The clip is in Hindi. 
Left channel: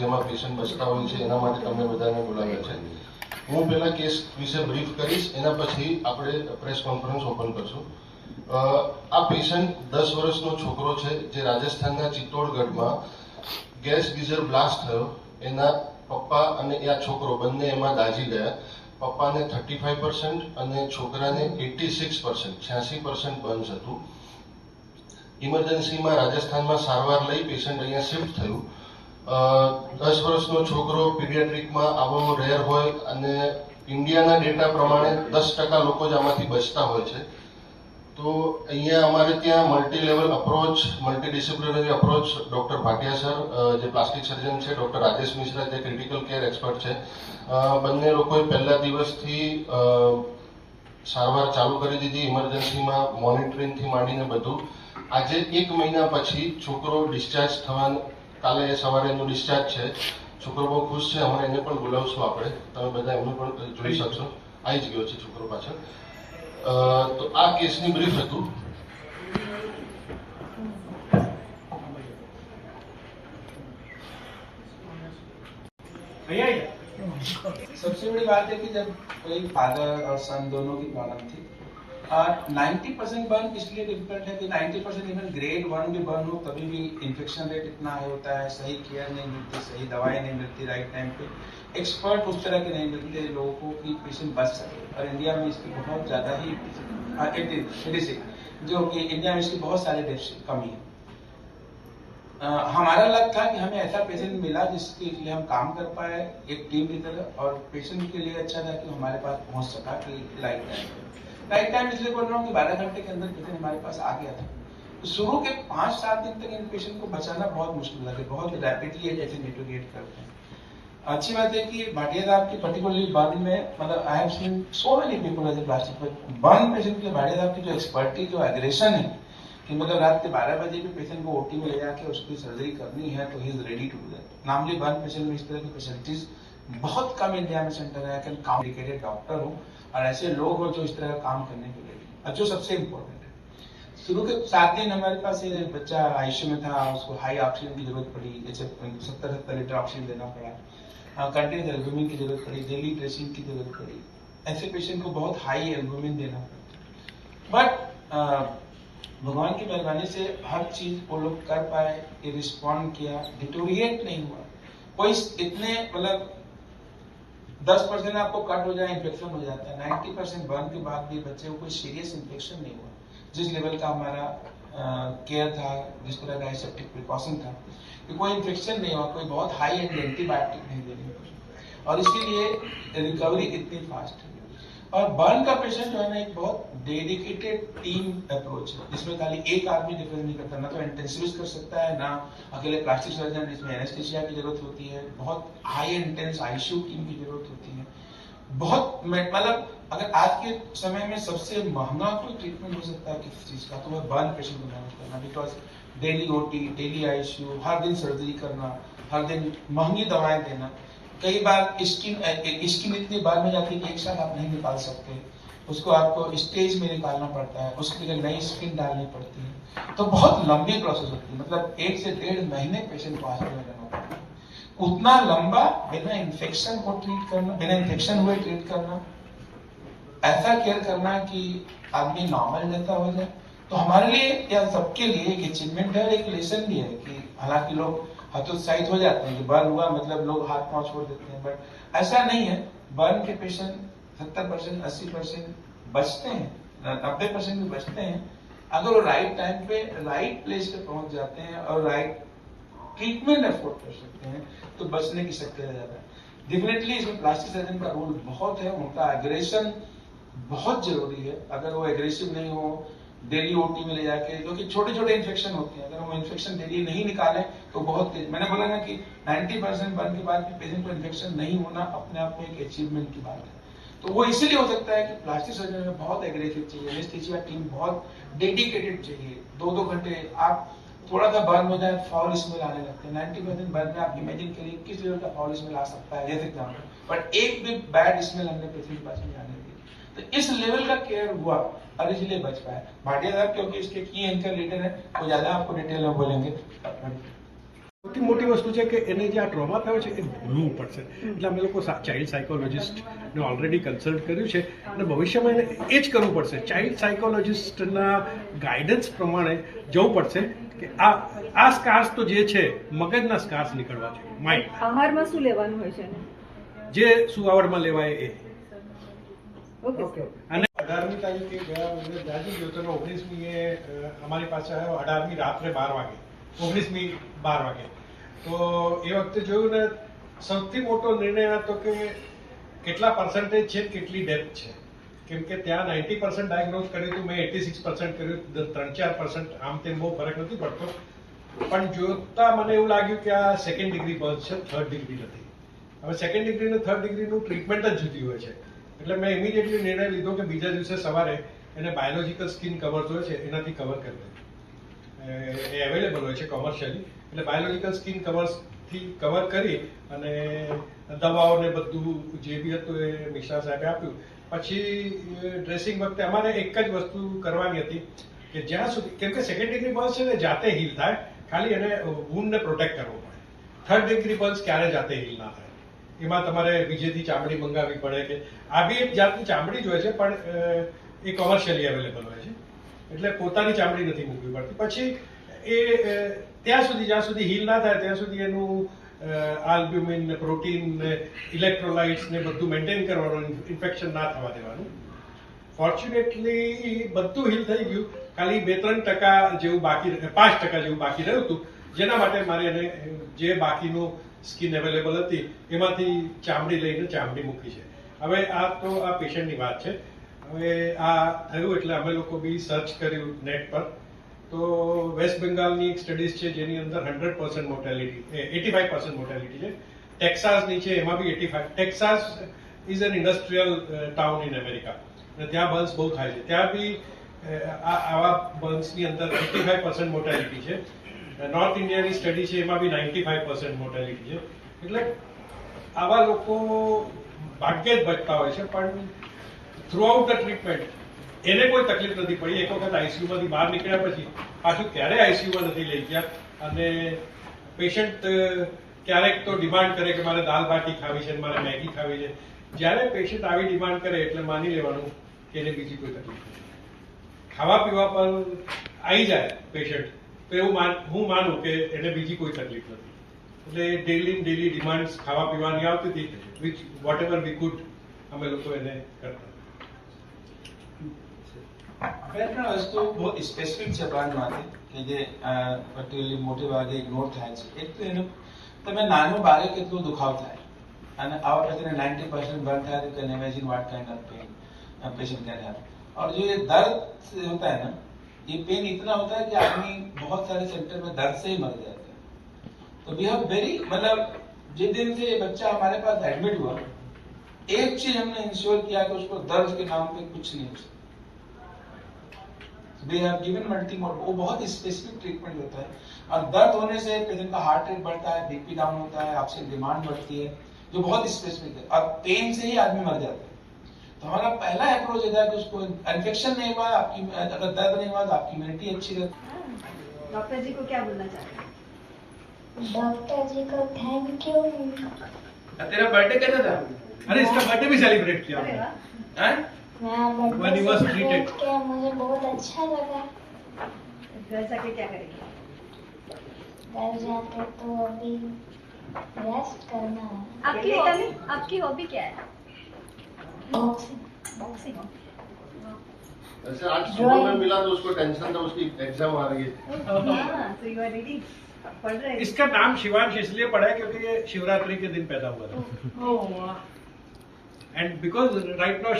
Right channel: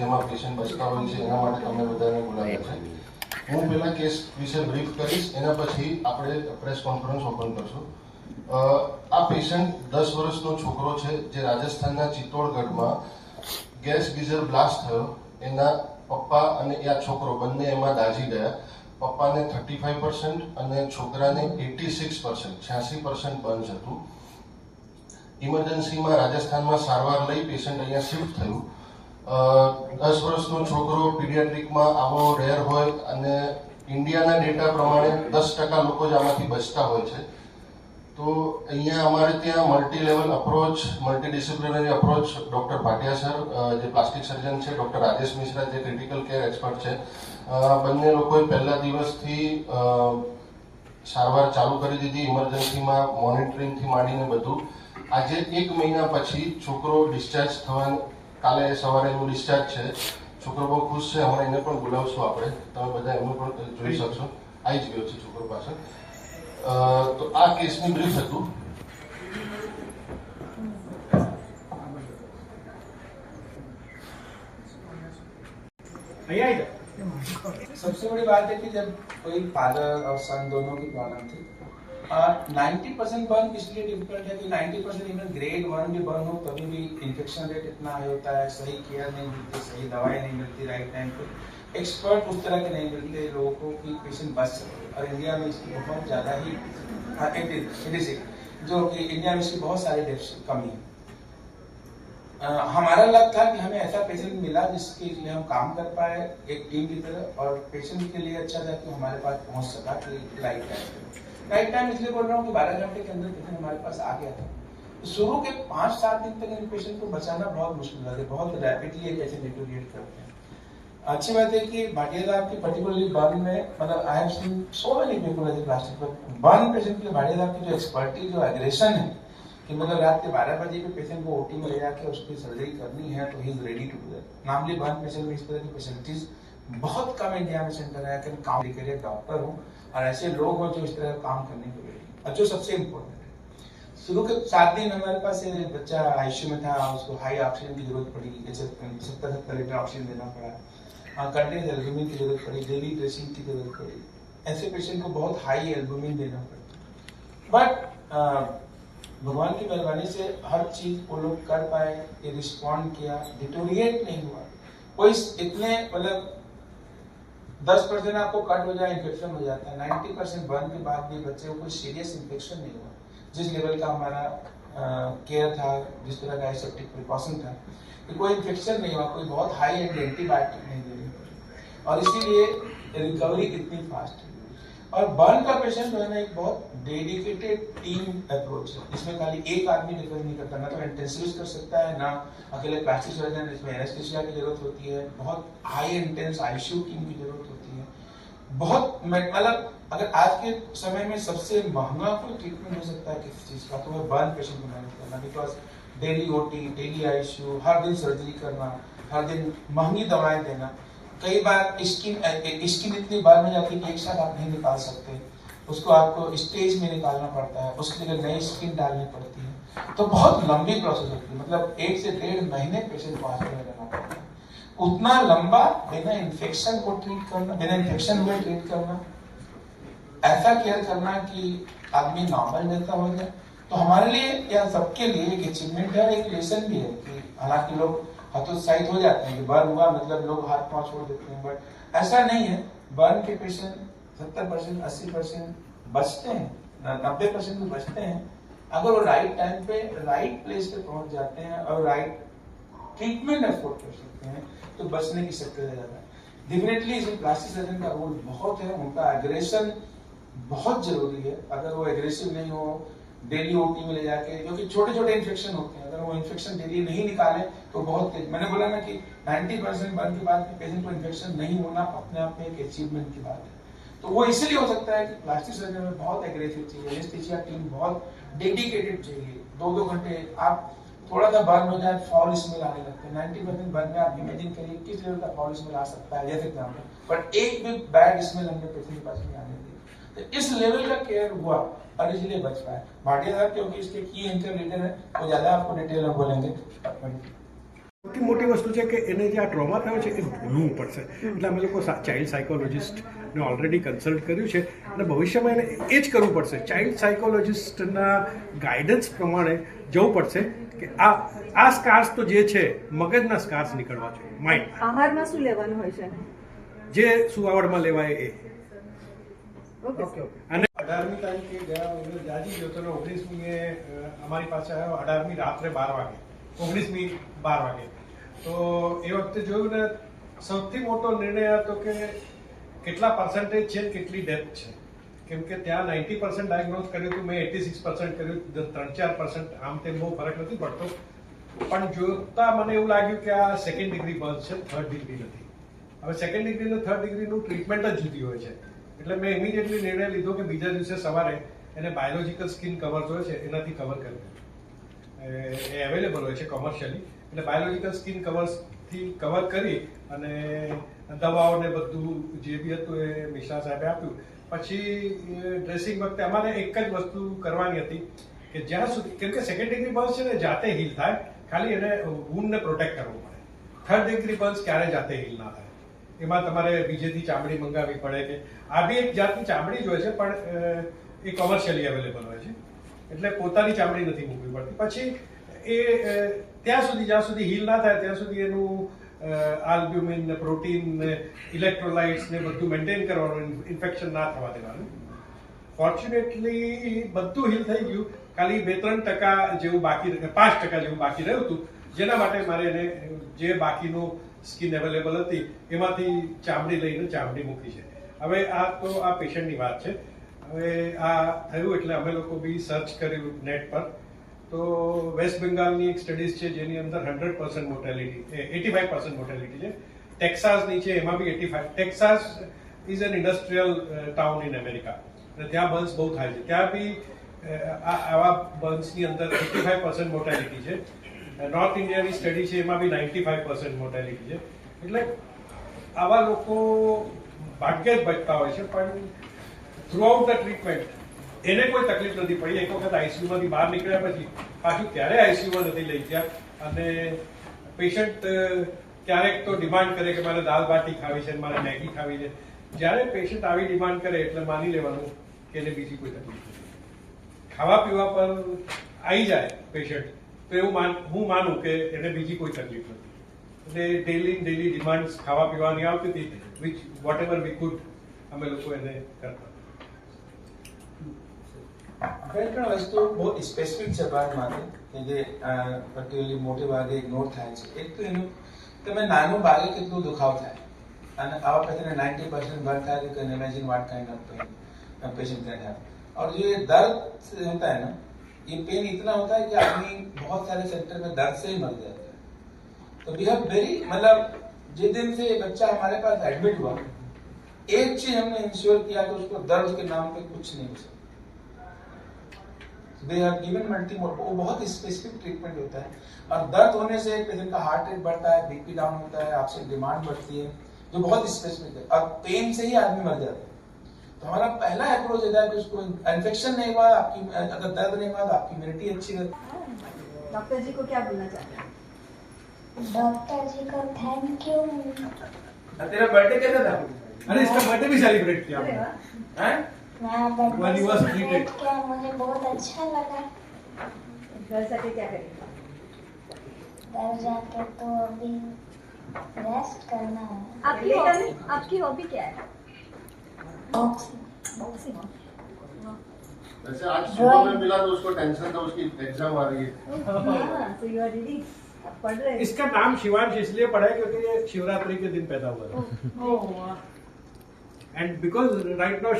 જેમાં પેશન્ટ બચતા હોય છે એના માટે તમે બધાને બોલાવ્યા છે. હું પહેલા કેસ વિશે બ્રીફ કરીશ, એના પછી આપણે પ્રેસ કોન્ફરન્સ ઓપન કરશું. આ પેશન્ટ 10 વર્ષનો છોકરો છે જે રાજસ્થાનના ચિત્તોડગઢમાં ગેસ ગીઝર બ્લાસ્ટ થયો. એના પપ્પા અને આ છોકરો બંને એમાં દાઝી ગયા. પપ્પાને 35% અને છોકરાને 86%, 86% બર્ન્સ હતું. ઇમરજન્સીમાં રાજસ્થાનમાં સારવાર લઈ પેશન્ટ અહીંયા શિફ્ટ થયું. 10 વર્ષનો છોકરો પીડિયાટ્રિકમાં આવો રેર હોય અને ઇન્ડિયાના ડેટા પ્રમાણે 10% લોકો જ આમાંથી બચતા હોય છે. તો અહીંયા અમારે ત્યાં multi level approach, multidisciplinary approach doctor Bhatia sir જે પ્લાસ્ટિક સર્જન છે, ડૉક્ટર રાજેશ મિશ્રા જે ક્રિટિકલ કેર એક્સપર્ટ છે, બંને લોકોએ પહેલા દિવસથી સારવાર ચાલુ કરી દીધી. ઇમરજન્સીમાં મોનિટરિંગથી માંડીને બધું. આજે 1 મહિના પછી છોકરો ડિસ્ચાર્જ થવાનું, કાલે સવારે એનું ડિસ્ચાર્જ છે. છોકરો બહુ ખુશ છે. હમણાં એને પણ બોલાવશું આપણે, તમે બધા એમનું પણ જોઈ શકશો. આવી જ ગયો છે છોકરો પાછળ. તો આ કેસની બ્રીફ હતું. सबसे बड़ी बात है कि जब कोई फादर और सन दोनों की प्रॉब्लम थी, 90% बर्न इसलिए डिफिकल्ट है कि 90% इवन ग्रेड 1 भी बर्न हो तभी भी इन्फेक्शन रेट इतना हाई होता है, सही केयर नहीं मिलती, सही दवाएं नहीं मिलती राइट टाइम पे, एक्सपर्ट उस तरह के नहीं मिलते लोगों को कि पेशेंट बच सके. और इंडिया में इसकी बहुत ज़्यादा ही जो कि इंडिया में इसकी बहुत सारी डेथ्स कमी है. हमारा लग था कि हमें ऐसा पेशेंट मिला जिसके लिए हम काम कर पाए एक टीम की तरह, और पेशेंट के लिए अच्छा था कि हमारे पास पहुंच सका कि राइट टाइम इसलिए बोल रहा हूँ कि 12 घंटे के अंदर पेशेंट हमारे पास आ गया था. तो शुरू के 5-7 दिन तक इन पेशेंट को बचाना बहुत मुश्किल था, बहुत रैपिडली ये पेशेंट डिटोरिएट करते हैं. अच्छी बात है कि भाटिया साहब की पर्टिकुलरली बर्न में, मतलब I have seen so many people as a plastic, but burn patient के भाटिया साहब की जो एक्सपर्टीज, जो एग्रेशन है कि मतलब रात के 12 बजे भी पेशेंट को ओटी में ले जाके उसकी सर्जरी करनी है तो he is ready to do that. Normally burn patient में इस तरह की फैसिलिटीज बहुत कम इंडिया में सेंटर है कि काम के डॉक्टर हो और ऐसे लोग हो जो इस तरह का काम करने के लिए. और जो सबसे इम्पोर्टेंट है, शुरू के 7 दिन हमारे पास ये बच्चा आईसीयू में था, उसको हाई ऑक्सीजन की जरूरत पड़ी, जैसे 70 लीटर ऑक्सीजन देना पड़ा, कंटिन्यूस एल्बुमिन की जरूरत पड़ी, डेली ड्रेसिंग की जरूरत पड़ी. ऐसे पेशेंट को बहुत हाई एल्बुमिन देना पड़ता. बट भगवान की मेहरबानी से हर चीज वो लोग कर पाए, ये रिस्पॉन्ड किया, डिटोरिएट नहीं हुआ. कोई इतने मतलब 10% आपको कट हो जाए इन्फेक्शन हो जाता है, 90% बर्न के बाद भी बच्चे को कोई सीरियस इन्फेक्शन नहीं हुआ. जिस लेवल का हमारा केयर था, जिस तरह का एसेप्टिक प्रिकॉशन था, कि कोई इन्फेक्शन नहीं हुआ, कोई बहुत हाई एंड एंटीबायोटिक नहीं देनी पड़ी, और इसीलिए रिकवरी इतनी फास्ट है. और बर्न का पेशेंट जो है ना एक बहुत डेडिकेटेड टीम अप्रोच है, जिसमें खाली एक आदमी डिफेंड नहीं करता, ना तो इंटेंसिविस्ट कर सकता है, ना अकेले प्लास्टिक सर्जन, इसमें एनेस्थीसिया की जरूरत होती है, बहुत हाई इंटेंस आईसीयू टीम की जरूरत होती है. बहुत मतलब अगर आज के समय में सबसे महंगा कोई ट्रीटमेंट हो सकता है किसी चीज का तो वो बर्न पेशेंट को मैनेज करना, because daily OT, daily ICU, हर दिन सर्जरी करना, हर दिन महंगी दवाएं देना. कई बार स्किन इतनी बार में जाती है कि एक साथ आप नहीं निकाल सकते, उसको आपको स्टेज में निकालना पड़ता है, उसके लिए नई स्किन डालनी पड़ती है, तो बहुत लंबी प्रोसेस होती है. मतलब 1 से 1.5 महीने पेशेंट को हॉस्पिटल में रहना पड़ता है. उतना लंबा बिना इन्फेक्शन को ट्रीट करना, बिना इन्फेक्शन हुए ट्रीट करना, ऐसा केयर करना कि आदमी नॉर्मल जैसा हो जाए, तो हमारे लिए या सबके लिए एक अचीवमेंट है, एक लेसन भी है. कि हालांकि लोग हतोत्साहित हो जाते हैं कि बर्न हुआ मतलब लोग हाथ पांव छोड़ देते हैं, बट ऐसा नहीं है. बर्न के पेशेंट 70%, 80% बचते हैं, 90% भी बचते हैं अगर वो राइट टाइम पे राइट प्लेस पे पहुंच जाते हैं और राइट ट्रीटमेंट अफोर्ड कर सकते हैं, तो बचने की शक्यता ज्यादा है. डेफिनेटली इसमें प्लास्टिक सर्जन का रोल बहुत है, उनका एग्रेशन बहुत जरूरी है. अगर वो एग्रेसिव नहीं हो, डेली ओटी में ले जाके, क्योंकि छोटे छोटे इन्फेक्शन होते हैं, अगर वो इन्फेक्शन डेली नहीं निकाले तो बहुत तेज. मैंने बोला ना कि 90% बर्न के बाद पेशेंट को इन्फेक्शन नहीं होना अपने आप में एक अचीवमेंट की बात है. तो वो इसीलिए हो सकता है कि प्लास्टिक सर्जन में बहुत एग्रेसिव चाहिए, एनेस्थीसिया टीम बहुत डेडिकेटेड चाहिए. 2-2 घंटे आप थोड़ा सा बर्न हो जाए फॉल स्मेल आने लगते हैं. 90% बर्न में आप इमेजिन करिए किस लेवल का फॉल स्मेल आ सकता है, जैसे एग्जाम्पल, बट एक भी बैड स्मेल हमने पेशेंट के पास नहीं आने दी. तो इस लेवल का केयर हुआ और इसलिए बच पाया. भाटिया साहब क्योंकि इसके की एंकर लीडर है, वो ज्यादा आपको डिटेल में बोलेंगे. સૌથી મોટી વસ્તુ છે કે એને જે આ ટ્રોમા થયો છે એ ભૂલવું પડશે. એટલે અમે લોકો ચાઇલ્ડ સાયકોલોજિસ્ટને ઓલરેડી કન્સલ્ટ કર્યું છે અને ભવિષ્યમાં એને એ જ કરવું પડશે. ચાઇલ્ડ સાયકોલોજિસ્ટના ગાઈડન્સ પ્રમાણે જવું પડશે કે આ સ્કાર્સ તો જે છે મગજના સ્કાર્સ નીકળવા જોઈએ. માઇન્ડ આહારમાં શું લેવાનું હોય છે? જે સુવાવડમાં લેવાય એ. ઓકે. અને 18મી તારીખે ગયા વખતે જાજી ગયો તો 19મી અમારી પાસે આવ્યો 18મી રાત્રે 12 વાગે 19મી 12 વાગે. તો એ વખતે જોયું ને સૌથી મોટો નિર્ણય હતો કે કેટલા પર્સન્ટેજ છે કેટલી ડેથ છે. કેમ કે ત્યાં 90% ડાયગ્નોઝ કર્યું હતું, મેં 86% કર્યું, 3-4% આમ તેમ બહુ ફરક નથી પડતો. પણ જોતા મને એવું લાગ્યું કે આ સેકન્ડ ડિગ્રી બર્થ છે, થર્ડ ડિગ્રી નથી. હવે સેકન્ડ ડિગ્રી અને થર્ડ ડિગ્રીનું ટ્રીટમેન્ટ જ જુદી હોય છે. એટલે મેં ઇમિડિયેટલી નિર્ણય લીધો કે બીજા દિવસે સવારે એને બાયોલોજિકલ સ્કિન કવર્સ હોય છે એનાથી કવર કરી દઉં. એ અવેલેબલ હોય છે કોમર્શિયલી. એટલે બાયોલોજિકલ સ્કિન કવર્સથી કવર કરી અને દવાઓને બધું જે બી હતું એ મિશ્રા સાહેબે આપ્યું. પછી ડ્રેસિંગ વખતે અમારે એક જ વસ્તુ કરવાની હતી કે જ્યાં સુધી, કેમ કે સેકન્ડ ડિગ્રી બર્ન્સ છે ને જાતે હીલ થાય, ખાલી એને વૂન્ડને પ્રોટેક્ટ કરવો પડે. થર્ડ ડિગ્રી બર્ન્સ ક્યારે જાતે હીલ ના થાય. એમાં તમારે બીજેથી ચામડી મંગાવવી પડે કે આ બી એક જાતની ચામડી જ હોય છે પણ એ કોમર્શિયલી અવેલેબલ હોય છે. એટલે પોતાની ચામડી નથી મૂકવી પડતી. પછી એ જ્યાં સુધી હીલ ના થાય ત્યાં સુધી એનું આલ્બ્યુમિન ને પ્રોટીન ને ઇલેક્ટ્રોલાઇટ્સ ને બધું મેન્ટેન કરવાનું, ઇન્ફેક્શન ના થવા દેવાનું. ફોર્ચ્યુનેટલી બધું હીલ થઈ ગયું, ખાલી 2-3% જેવું બાકી, 5% જેવું બાકી રહ્યું હતું, જેના માટે મારે એને જે બાકીનું સ્કિન અવેલેબલ હતી એમાંથી ચામડી લઈને ચામડી મૂકી છે. હવે આ તો આ પેશન્ટની વાત છે. હવે આ થયું એટલે અમે લોકો બી સર્ચ કર્યું નેટ પર. તો વેસ્ટ બેંગાલની એક સ્ટડીઝ છે જેની અંદર 100% મોર્ટેલિટી, 85% મોર્ટેલિટી છે. ટેક્સાસની છે એમાં બી 85%. Texas is an industrial town in America અને ત્યાં બર્ન્સ બહુ થાય છે. ત્યાં બી આવા બર્ન્સની અંદર 85% મોર્ટેલિટી છે. નોર્થ ઇન્ડિયાની સ્ટડી છે એમાં બી 95% મોર્ટેલિટી છે. એટલે આવા લોકો ભાગ્યે જ બચતા હોય છે. પણ થ્રુઆઉટ ધ ટ્રીટમેન્ટ એને કોઈ તકલીફ નથી પડી. એક વખત આઈસીયુમાંથી બહાર નીકળ્યા પછી પાછું ક્યારેય આઈસીયુમાં નથી લઈ ગયા. અને પેશન્ટ ક્યારેક તો ડિમાન્ડ કરે કે મારે દાલ બાટી ખાવી છે, મારે મેગી ખાવી છે. જ્યારે પેશન્ટ આવી ડિમાન્ડ કરે એટલે માની લેવાનું કે એને બીજી કોઈ તકલીફ નથી. ખાવા પીવા પર આવી જાય પેશન્ટ તો એવું હું માનું કે એને બીજી કોઈ તકલીફ નથી. એટલે ડેલી ડિમાન્ડ્સ ખાવા પીવાની આવતી હતી, which whatever we could અમે લોકો એને કરતા. હવે પણ વસ્તુ બહુ સ્પેસિફિક છે બાળમાંથી કે જે પર્ટિક્યુલરલી મોટે ભાગે ઇગ્નોર થાય છે. એક તો એનું તમે નાનું બાળક કેટલું દુખાવ થાય અને આવા પેશન્ટ 90% बर्न था तो can imagine what kind of pain a patient can have. और जो ये दर्द होता है ना, ये पेन इतना होता है कि आदमी बहुत सारे सेंटर में दर्द से ही मर जाता है. तो वी हैव वेरी, मतलब जिस दिन से ये बच्चा हमारे पास एडमिट हुआ, एक चीज हमने इंश्योर किया कि उसको दर्द के नाम पे कुछ नहीं हो सकता. They have given multimodal, वो बहुत स्पेसिफिक ट्रीटमेंट होता है. और दर्द होने से पेशेंट का हार्ट रेट बढ़ता है, बीपी डाउन होता है, आपसे डिमांड बढ़ती है, जो बहुत स्पेसिफिक है. और पेन से ही आदमी मर जाता है. तो हमारा पहला अप्रोच ये था कि उसको इन्फेक्शन नहीं हुआ, आपकी अगर दर्द नहीं हुआ तो आपकी इम्यूनिटी अच्छी रहती. डॉक्टर जी को क्या बोलना चाहते हैं? डॉक्टर जी को थैंक यू. तेरा बर्थडे कैसा था? अरे इसका बर्थडे भी सेलिब्रेट किया अरे हमने. वाह. हैं? मैं When he was treated. क्या मुझे बहुत अच्छा लगा. घर जाके क्या करेंगे? घर जाके तो अभी रेस्ट करना है. आपकी हॉबी क्या है? बॉक्सिंग. बॉक्सिंग. वैसे आज सुबह में मिला तो उसको टेंशन था, उसकी एग्जाम आ रही है. हाँ, so you are reading. पढ़ रहे हैं. इसका नाम शिवांश इसलिए पड़ा है क्योंकि ये शिवरात्रि के दिन पैदा हुआ था. ओह वाह. And because right now